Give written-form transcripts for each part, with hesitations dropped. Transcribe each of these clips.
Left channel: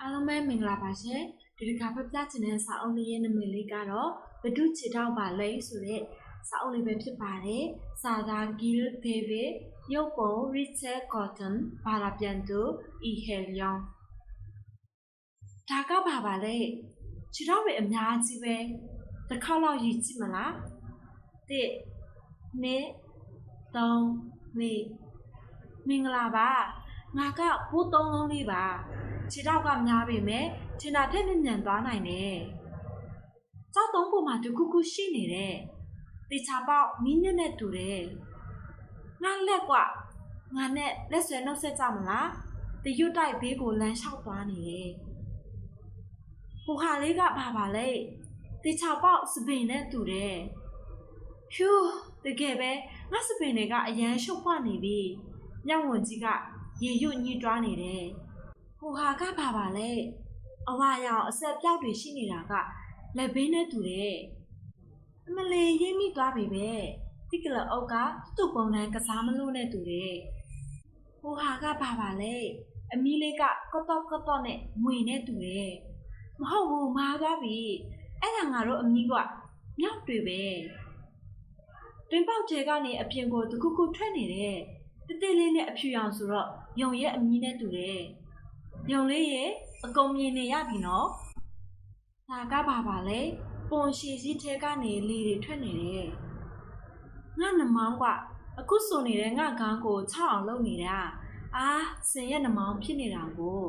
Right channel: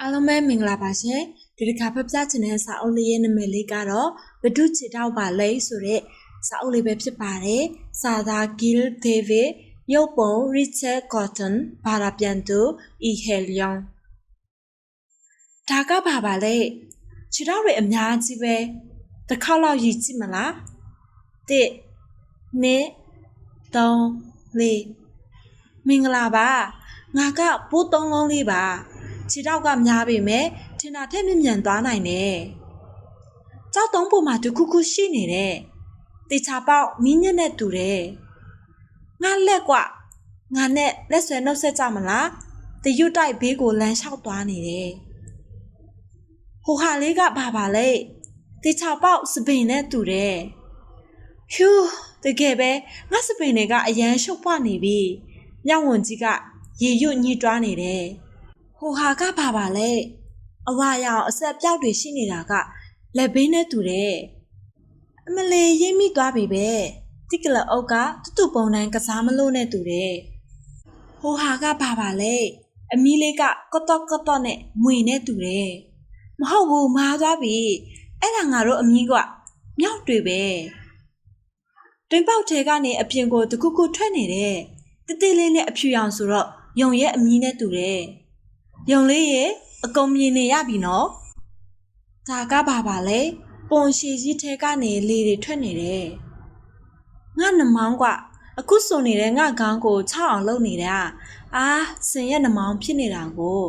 အားလုံးပဲမင်္ဂလာပါရှင်ဒီတစ်ခါဖတ်ပြချင်တဲ့စာအုပ်လေးရဲ့နာမည်လေးကတော့ဘဒုချေတောက်ပါလိဆိုတဲ့စာအုပ်လေးပဲဖြစ်ပါတယ်စာသားဂီလ်ဒေးဗစ်ရုပ်ပုံရစ်ချက်ကော့တန်ဘာသာပြန်သူအီဟယ်လျွန်ဒါကပါလေခြေထောက်တွေအများကြီးပဲတစ်ခေါက်လောက်ရည်ကြည့်မလား1 2 3 4မင်္ဂလာပါငါကပိုး3လုံးလေးပါခြေထောက်ကများပေမဲ့ထင်တာထက်မြန်သွားနိုင်တယ်ကြောက်တုံးပေါ်မှာတခုခုရှိနေတယ်တေချာပေါက်မင်းညက်နဲ့တူတယ်ငါလက်ကွငါနဲ့လက်ဆွဲနှုတ်ဆက်ကြမလားတရွတ်တိုက်ဘေးကိုလမ်းလျှောက်သွားနေတယ်ဟိုဟာလေးကပါလေတေချာပေါက်စပင်နဲ့တူတယ်ဟျူးတကယ်ပဲငါစပင်တွေကအရန်ရှုပ်ပွားနေပြီညောင်ဝန်ကြီးကရေရွတ်ညှိတွားနေတယ်ဟိုဟာကပါလေအဝါရောင်အဆက်ပြောက်တွေရှိနေတာကလက်ဘေးနဲ့တူတယ်အမလေးရိပ်မိသွားပြီပဲတိကလအုပ်ကတူပုံတိုင်းကစားမလို့နဲ့တူတယ်ဟိုဟာကပါလေအမီးလေးကကော့တော့နဲ့မွေနဲ့တူတယ်မဟုတ်ဘူးမားသွားပြီအဲ့ဒါငါတို့အမီးကမြောက်တွေပဲတွင်ပေါက်ထဲကနေအပြင်ကိုတခုခုထွက်နေတယ်တေးလေးနဲ့အဖြူရောင်ဆိုတော့ယုံရဲ့အမီးနဲ့တူတယ်ယုံလေးရဲ့အကုန်မြင်နေရပြီနော်ဒါကပါလေပုံရှည်ကြီးထဲကနေလေတွေထွက်နေတယ်ငါနှမောင်းကအခုစုံနေတဲ့ငါခေါင်းကို6အောင်လုပ်နေတာစင်ရဲ့နှမောင်းဖြစ်နေတာကို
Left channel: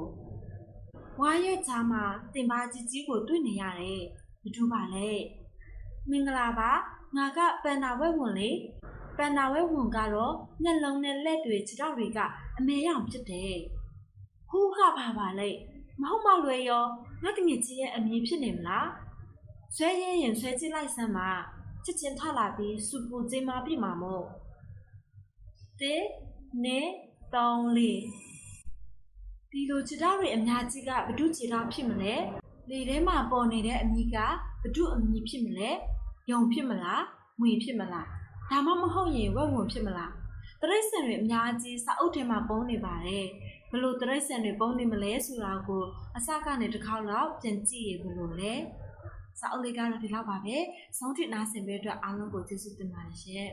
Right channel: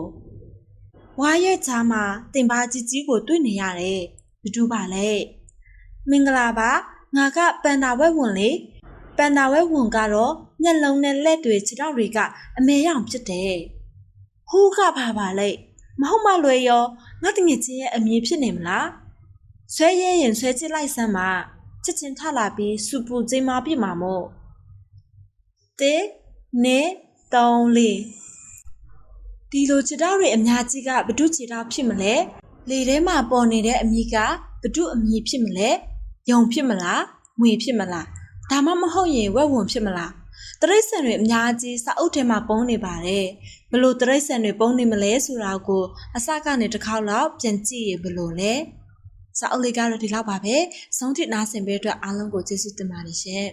ဝါရဲ့ချာမှာတင်ပါကြီးကိုတွေ့နေရတယ်ဘယ်သူပါလဲမင်္ဂလာပါငါကပန်တာဝဲဝင်လေပန်တာဝဲဝင်ကတော့မျက်လုံးနဲ့လက်တွေခြေထောက်တွေကအမဲရောင်ဖြစ်တယ်ဟိုးကပါလေမဟုတ်မလွယ်ရောငါတငယ်ချင်းရဲ့အမည်ဖြစ်နေမလားဆွဲရဲရင်ဆွဲချစ်လိုက်စမ်းပါချက်ချင်းထလာပြီးစူပူကျင်းမပြစ်မှာမို့1 2 3 4ဒီလိုခြေထောက်တွေအများကြီးကဘဒုခြေထောက်ဖြစ်မလဲလေထဲမှာပေါ်နေတဲ့အမည်ကဘဒုအမည်ဖြစ်မလဲယုံဖြစ်မလားငွေဖြစ်မလားဒါမှမဟုတ်ရင်ဝက်ဝင်ဖြစ်မလားတရိတ်ဆန်တွေအများကြီးစာအုပ်ထဲမှာပုံနေပါတယ်ဘလို့တရိတ်ဆန်တွေပုံနေမလဲဆိုတာကိုအစကနေတစ်ခေါက်လောက်ပြန်ကြည့်ရဘလို့လဲစာအုပ်လေးကတော့ဒီလောက်ပါပဲဆုံးထိနားဆင်ပေးအတွက်အားလုံးကိုကျေးဇူးတင်ပါတယ်ရှင်